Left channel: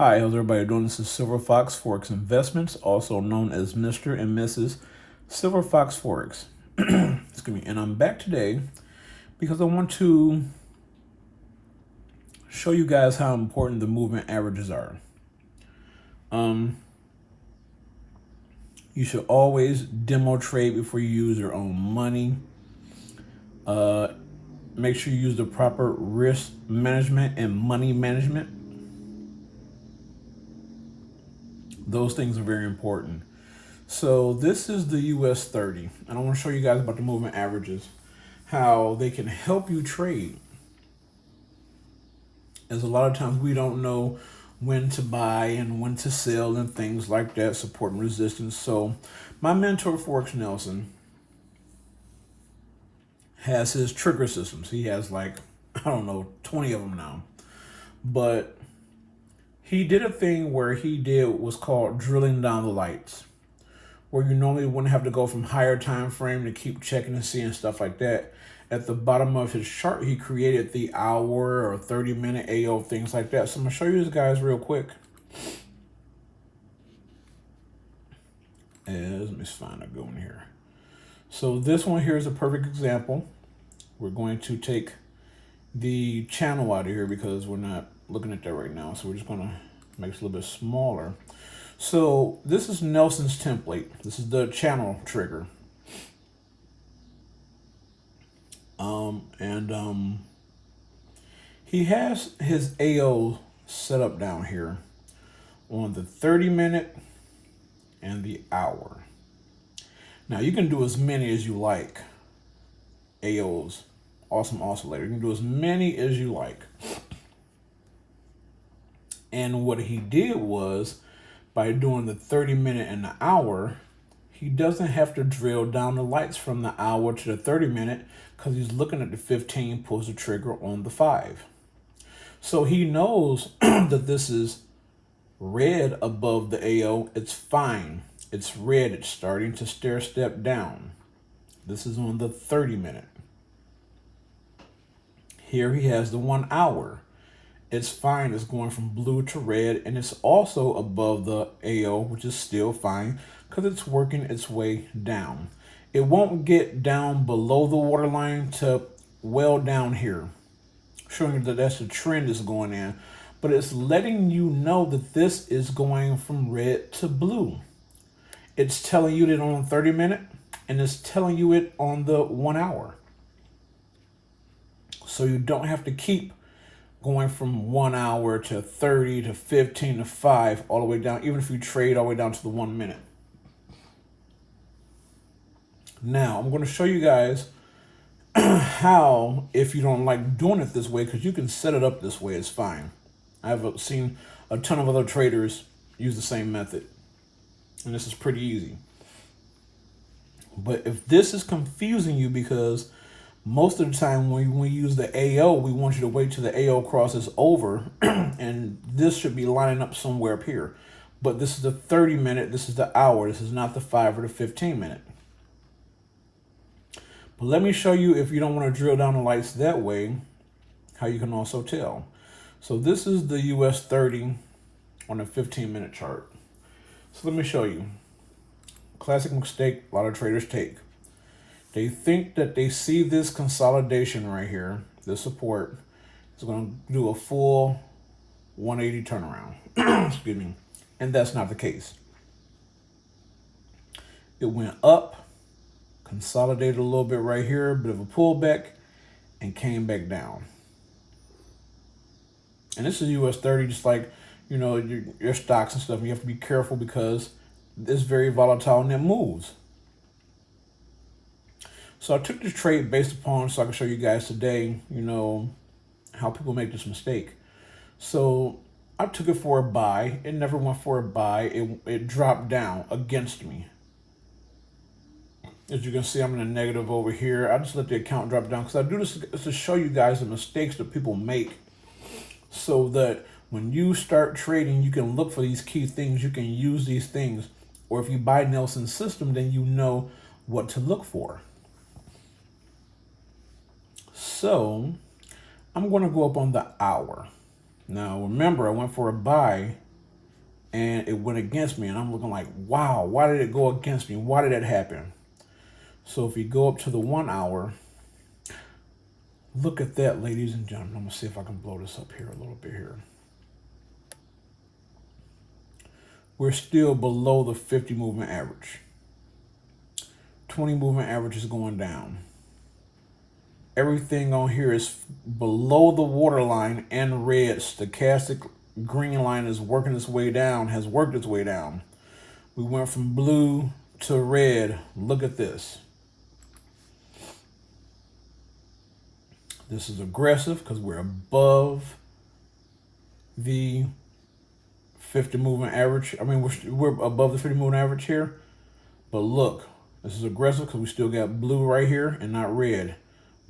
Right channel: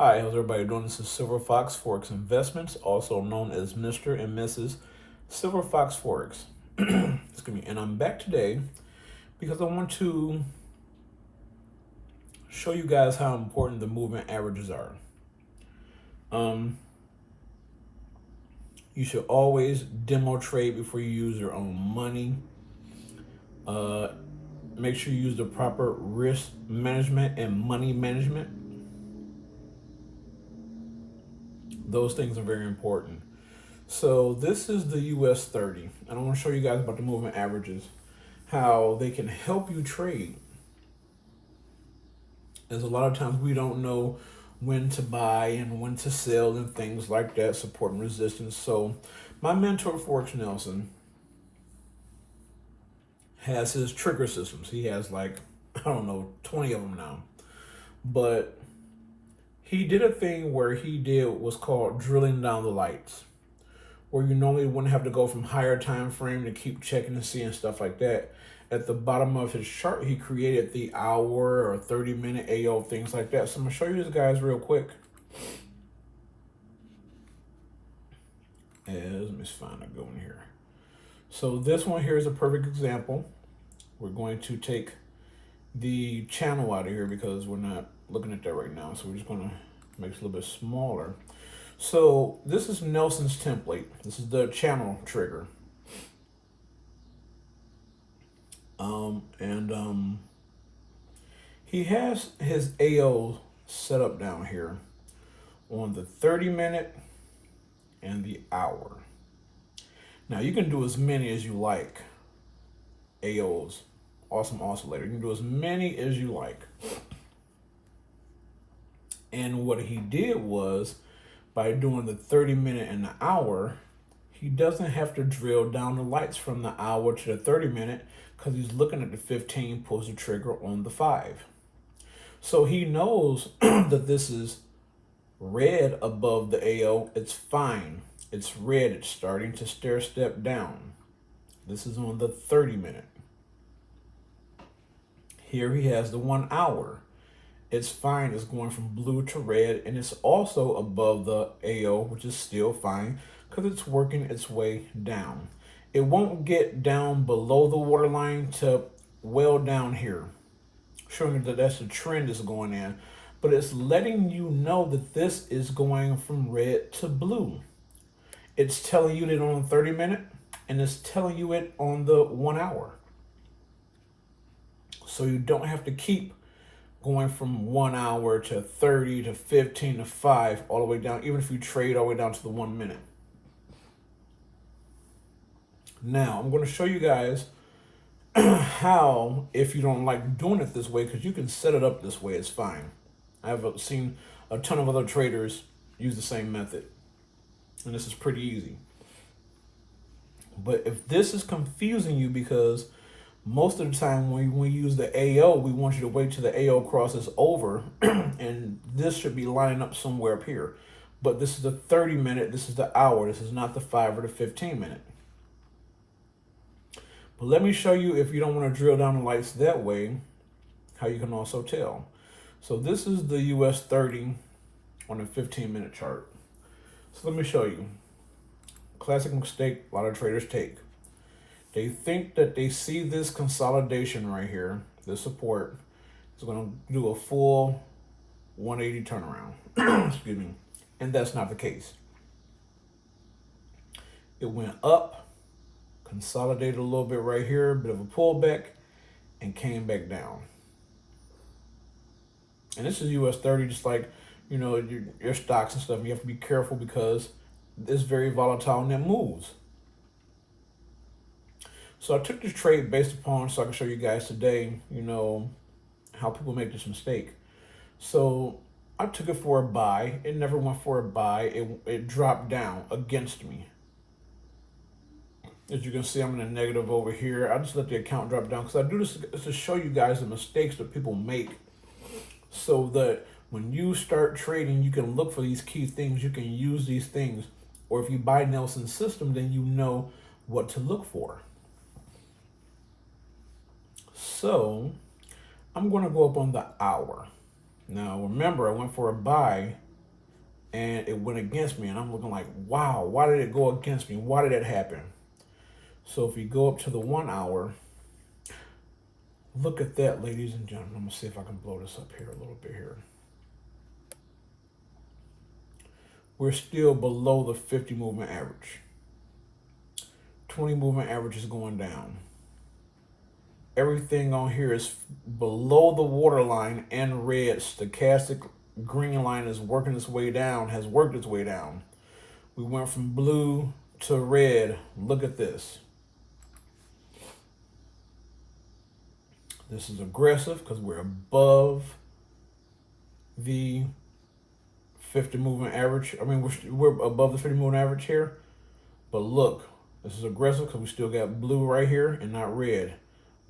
Hi, how's everybody doing? This is Silver Fox Forex Investments, also known as Mr. and Mrs. Silver Fox Forex. Excuse me. And I'm back today because I want to show you guys how important the moving averages are. You should always demo trade before you use your own money. Make sure you use the proper risk management and money management. Those things are very important. So this is the US 30, and I want to show you guys about the moving averages, how they can help you trade. As a lot of times we don't know when to buy and when to sell and things like that, support and resistance. So my mentor, Forex Nelson, has his trigger systems. He has like, I don't know, 20 of them now. But he did a thing where he did what's called drilling down the lights, where you normally wouldn't have to go from higher time frame to keep checking and seeing stuff like that. At the bottom of his chart, he created the hour or 30-minute AO, things like that. So I'm going to show you this, guys, real quick. Let me find a good one here. So this one here is a perfect example. We're going to take the channel out of here because we're not looking at that right now. So we're just going to make it a little bit smaller. So this is Nelson's template. This is the channel trigger. He has his AO set up down here on the 30-minute and the hour. Now you can do as many as you like AOs. Awesome oscillator. You can do as many as you like. And what he did was, by doing the 30-minute and the hour, he doesn't have to drill down the lights from the hour to the 30-minute because he's looking at the 15, pulls the trigger on the 5. So he knows that this is red above the AO. It's fine. It's red. It's starting to stair step down. This is on the 30-minute. Here he has the 1 hour. It's fine. It's going from blue to red, and it's also above the AO, which is still fine because it's working its way down. It won't get down below the waterline to well down here, showing you that that's the trend is going in, but it's letting you know that this is going from red to blue. It's telling you that on the 30-minute, and it's telling you it on the 1 hour. So you don't have to keep going from 1 hour to 30 to 15 to 5 all the way down, even if you trade all the way down to the 1 minute. Now I'm going to show you guys how, if you don't like doing it this way, because you can set it up this way, it's fine. I've seen a ton of other traders use the same method, and this is pretty easy. But if this is confusing you, because most of the time when we use the AO, we want you to wait till the AO crosses over, and this should be lining up somewhere up here. But this is the 30-minute, this is the hour, this is not the 5 or the 15-minute. But let me show you, if you don't want to drill down the lights that way, how you can also tell. So this is the US 30 on a 15-minute chart. So let me show you. Classic mistake a lot of traders take. They think that they see this consolidation right here, this support is going to do a full 180 turnaround. Excuse me. And that's not the case. It went up, consolidated a little bit right here, a bit of a pullback, and came back down. And this is US 30, just like, your stocks and stuff. You have to be careful because it's very volatile and it moves. So I took this trade based upon, so I can show you guys today, how people make this mistake. So I took it for a buy. It never went for a buy. It dropped down against me. As you can see, I'm in a negative over here. I just let the account drop down because I do this to show you guys the mistakes that people make, so that when you start trading, you can look for these key things. You can use these things. Or if you buy Nelson's system, then you know what to look for. So I'm going to go up on the hour. Now, remember, I went for a buy and it went against me. And I'm looking like, wow, why did it go against me? Why did that happen? So if you go up to the 1 hour, look at that, ladies and gentlemen. I'm going to see if I can blow this up here a little bit here. We're still below the 50 movement average. 20 movement average is going down. Everything on here is below the waterline and red. Stochastic green line is working its way down, has worked its way down. We went from blue to red. Look at this. This is aggressive because we're above the 50 movement average. I mean, we're above the 50 movement average here. But look, this is aggressive because we still got blue right here and not red.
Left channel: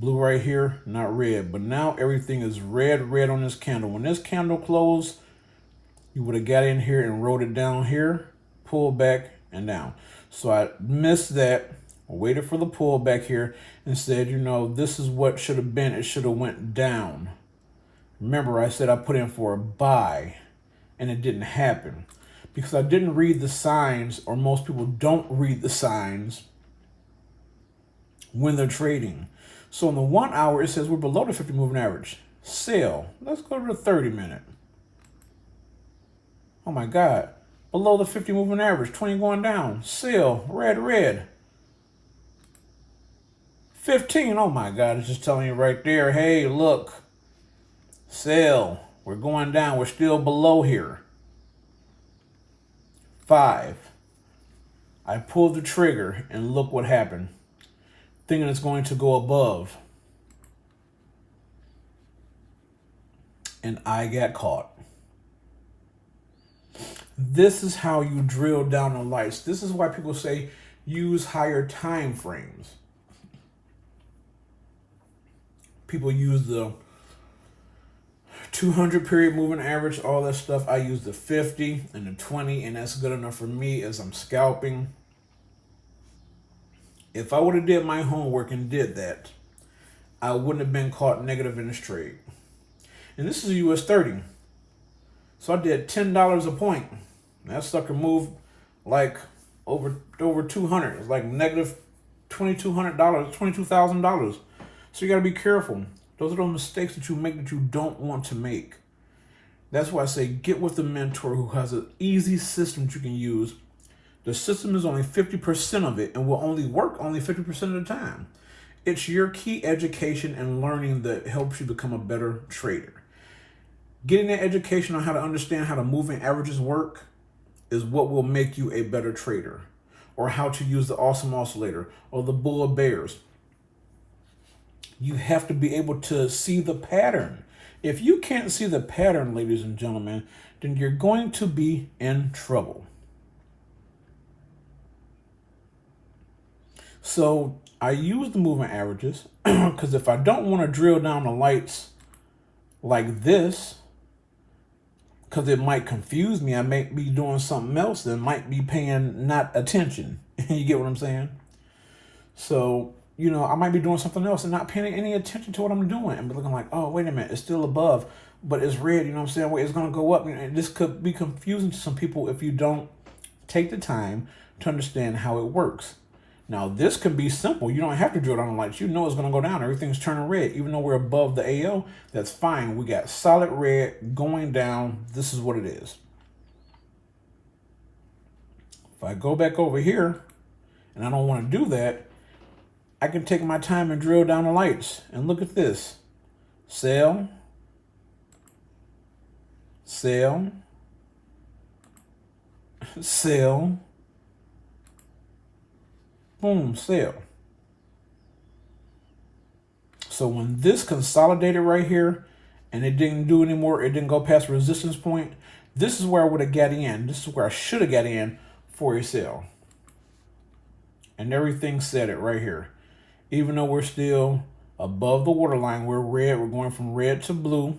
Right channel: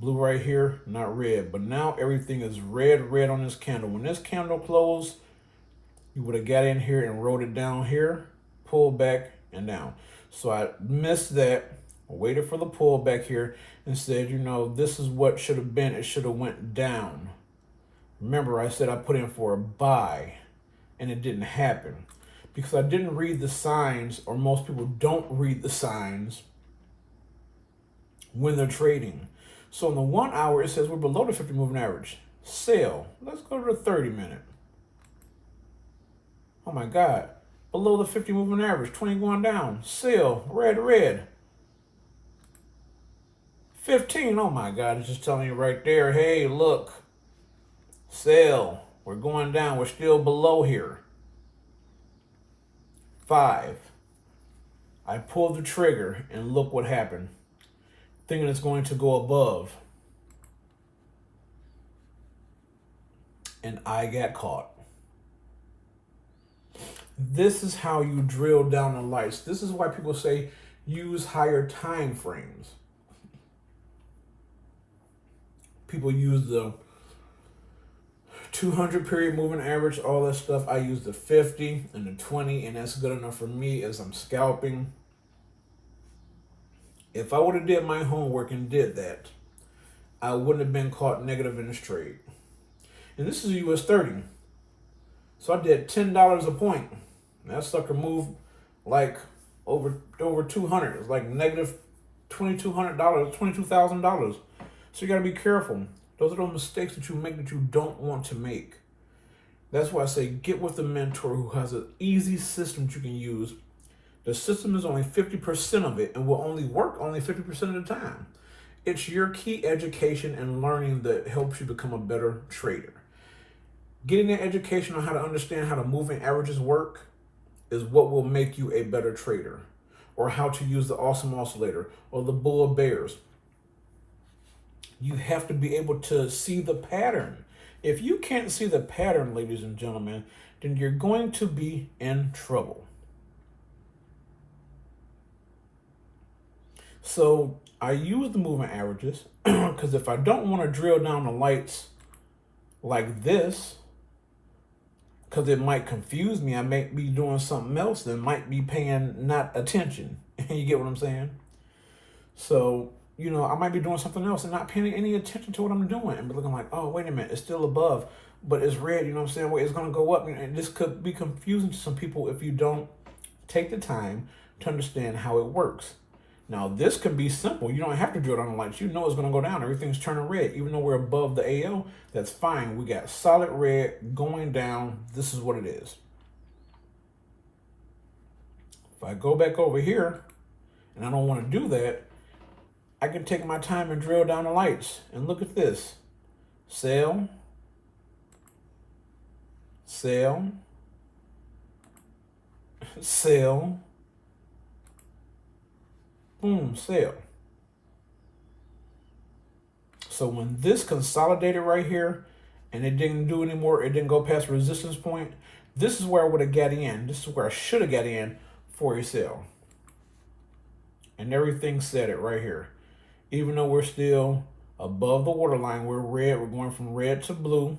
Blue right here, not red. But now everything is red on this candle. When this candle closed, you would have got in here and wrote it down here, pulled back and down. So I missed that, waited for the pullback here and said, this is what should have been. It should have went down. Remember, I said I put in for a buy and it didn't happen because I didn't read the signs, or most people don't read the signs when they're trading. So in the 1 hour, it says we're below the 50 moving average. Sell. Let's go to the 30 minute. Oh my God. Below the 50 moving average. 20 going down. Sell. Red. 15. Oh my God. It's just telling you right there. Hey, look. Sell. We're going down. We're still below here. 5. I pulled the trigger and look what happened. Thinking it's going to go above. And I got caught. This is how you drill down the lights. This is why people say use higher time frames. People use the 200 period moving average, all that stuff. I use the 50 and the 20, and that's good enough for me as I'm scalping. If I would have did my homework and did that, I wouldn't have been caught negative in this trade. And this is US 30. So I did $10 a point. That sucker moved like over 200. It's like negative $2,200, $22,000. So you got to be careful. Those are those mistakes that you make that you don't want to make. That's why I say get with a mentor who has an easy system that you can use. The system is only 50% of it and will only work only 50% of the time. It's your key education and learning that helps you become a better trader. Getting the education on how to understand how the moving averages work is what will make you a better trader, or how to use the awesome oscillator or the bull of bears. You have to be able to see the pattern. If you can't see the pattern, ladies and gentlemen, then you're going to be in trouble. So I use the moving averages because if I don't want to drill down the lights like this, because it might confuse me, I might be doing something else that might be paying not attention. You get what I'm saying? So, I might be doing something else and not paying any attention to what I'm doing and be looking like, oh, wait a minute, it's still above, but it's red, you know what I'm saying? Wait, it's going to go up. And this could be confusing to some people if you don't take the time to understand how it works. Now this can be simple. You don't have to drill down the lights. You know it's going to go down. Everything's turning red. Even though we're above the AO, that's fine. We got solid red going down. This is what it is. If I go back over here, and I don't want to do that, I can take my time and drill down the lights. And look at this. Sell. Sell. Sell. Boom, sell. So when this consolidated right here and it didn't do anymore, it didn't go past resistance point, this is where I would have got in. This is where I should have got in for a sell. And everything set it right here. Even though we're still above the waterline, we're red. We're going from red to blue.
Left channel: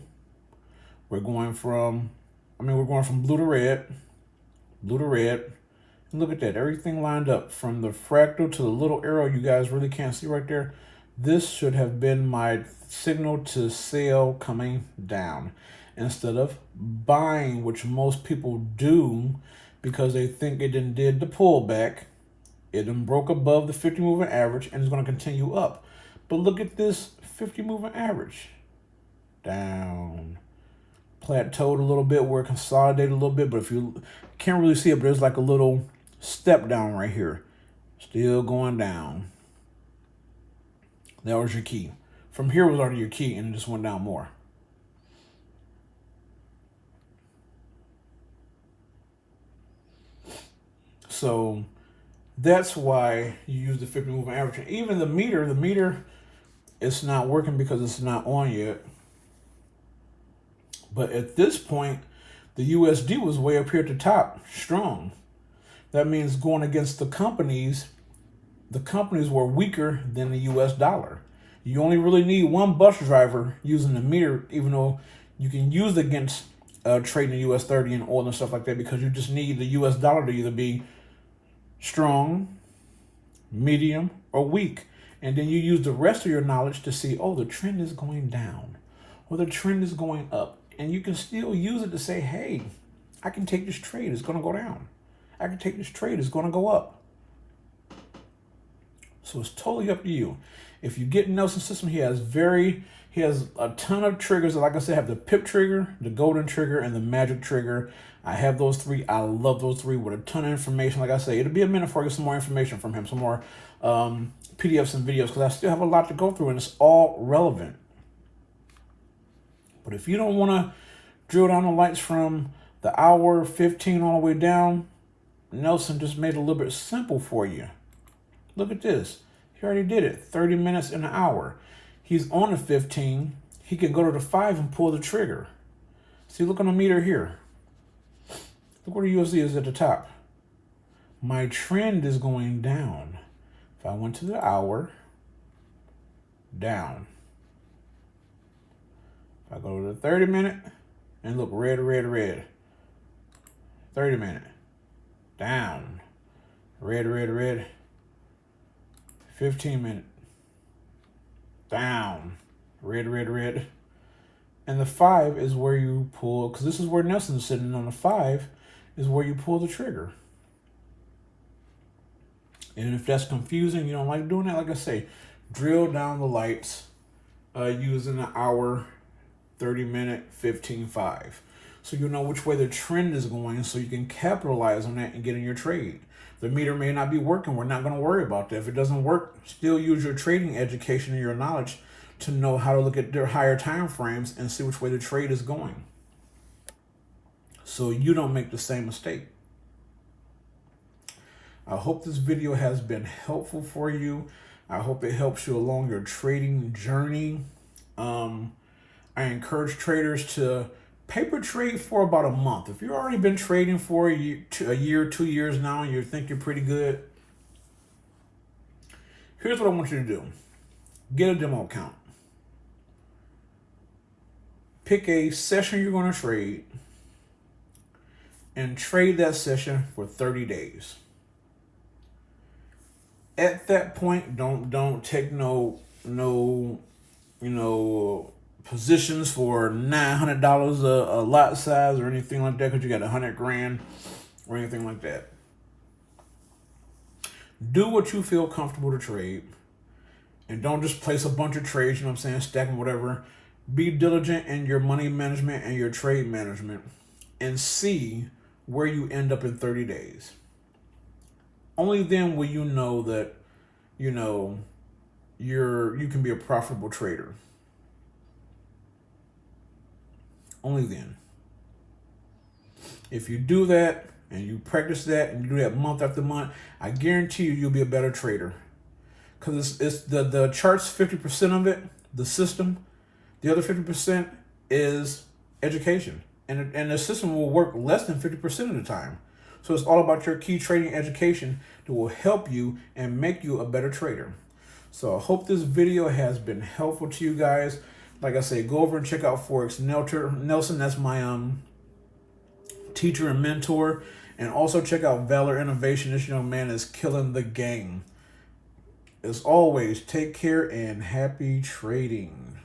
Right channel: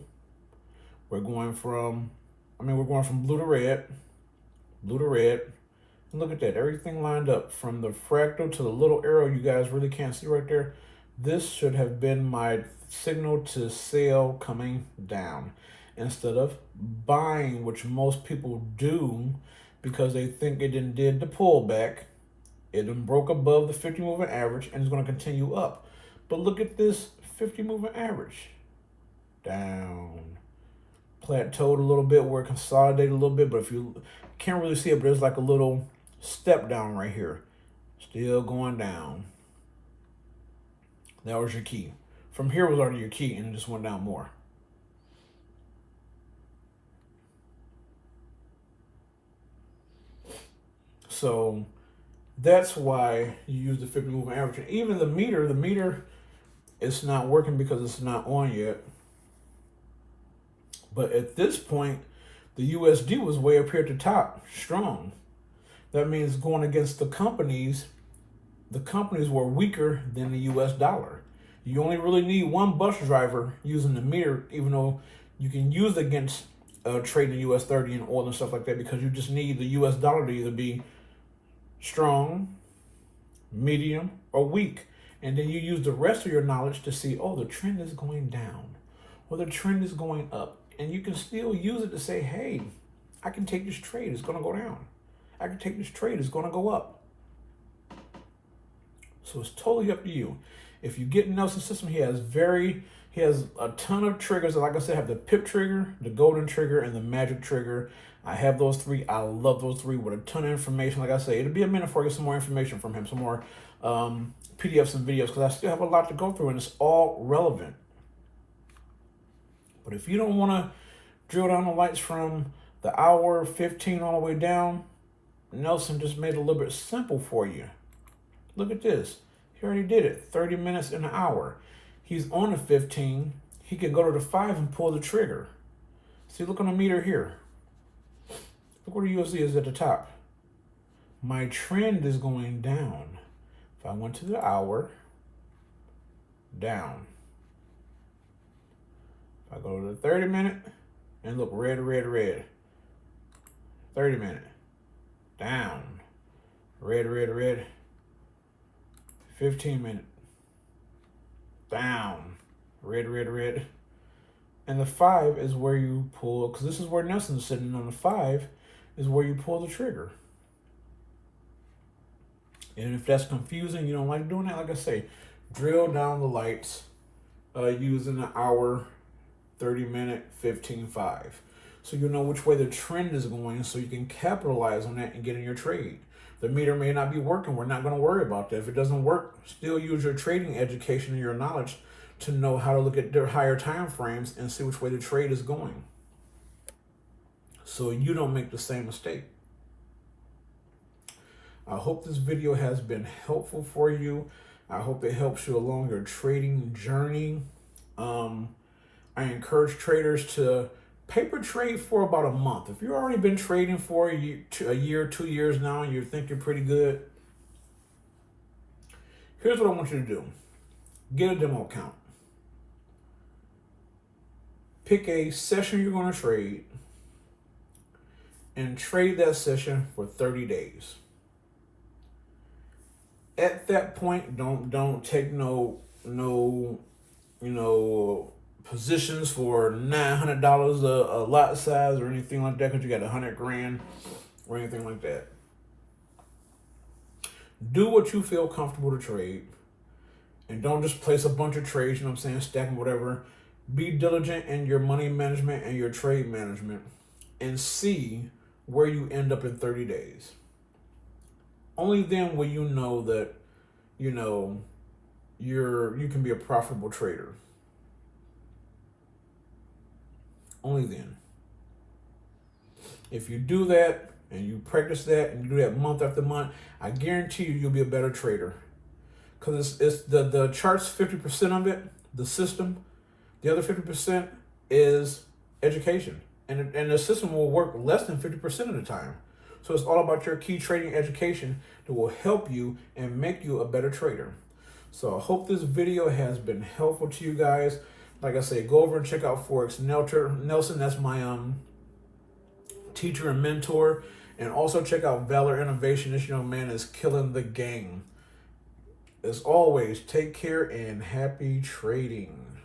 We're going from blue to red, blue to red. And look at that, everything lined up from the fractal to the little arrow you guys really can't see right there. This should have been my signal to sell coming down instead of buying, which most people do because they think it did the pullback. It then broke above the 50 moving average and is going to continue up. But look at this 50 moving average. Down. Plateaued a little bit, where it consolidated a little bit, but if you can't really see it, but there's like a little step down right here. Still going down. That was your key. From here was already your key and it just went down more. So that's why you use the 50 moving average. And even the meter, it's not working because it's not on yet. But at this point, the USD was way up here at the top, strong. That means going against the companies were weaker than the US dollar. You only really need one bus driver using the meter, even though you can use it against trading the US 30 and oil and stuff like that, because you just need the US dollar to either be strong, medium, or weak. And then you use the rest of your knowledge to see, oh, the trend is going down or the trend is going up. And you can still use it to say, hey, I can take this trade, it's going to go down. I can take this trade, it's going to go up. So it's totally up to you. If you get Nelson's system, he has a ton of triggers. Like I said, I have the pip trigger, the golden trigger, and the magic trigger. I have those three. I love those three with a ton of information. Like I say, it'll be a minute before I get some more information from him, some more PDFs and videos, because I still have a lot to go through and it's all relevant. But if you don't want to drill down the lights from the hour 15 all the way down, Nelson just made it a little bit simple for you. Look at this. He already did it. 30 minutes in an hour. He's on the 15. He can go to the 5 and pull the trigger. See, look on the meter here. Look where the USD is at the top. My trend is going down. If I went to the hour, down. If I go to the 30 minute, and look, red, red, red. 30 minute, down. Red, red, red. 15 minute, down. Red, red, red. And the 5 is where you pull, because this is where Nelson's sitting on the 5, is where you pull the trigger. And if that's confusing, you don't like doing that, like I say, drill down the lights using an hour, 30 minute, 15.5. So you know which way the trend is going, so you can capitalize on that and get in your trade. The meter may not be working. We're not going to worry about that. If it doesn't work, still use your trading education and your knowledge to know how to look at their higher time frames and see which way the trade is going, so you don't make the same mistake. I hope this video has been helpful for you. I hope it helps you along your trading journey. I encourage traders to paper trade for about a month. If you've already been trading for a year, 2 years now, and you think you're pretty good, here's what I want you to do. Get a demo account. Pick a session you're going to trade and trade that session for 30 days. At that point, don't take no positions for $900 a lot size or anything like that, because you got 100 grand or anything like that. Do what you feel comfortable to trade, and don't just place a bunch of trades, you know what I'm saying, stacking whatever. Be diligent in your money management and your trade management and see where you end up in 30 days. Only then will you know that, you know, you can be a profitable trader. Only then. If you do that and you practice that and you do that month after month, I guarantee you'll be a better trader. Because it's the chart's 50% of it, the system. The other 50% is education. And the system will work less than 50% of the time. So it's all about your key trading education that will help you and make you a better trader. So I hope this video has been helpful to you guys. Like I say, go over and check out Forex Nelson. That's my teacher and mentor. And also check out Valor Innovation. This young man is killing the game. As always, take care and happy trading.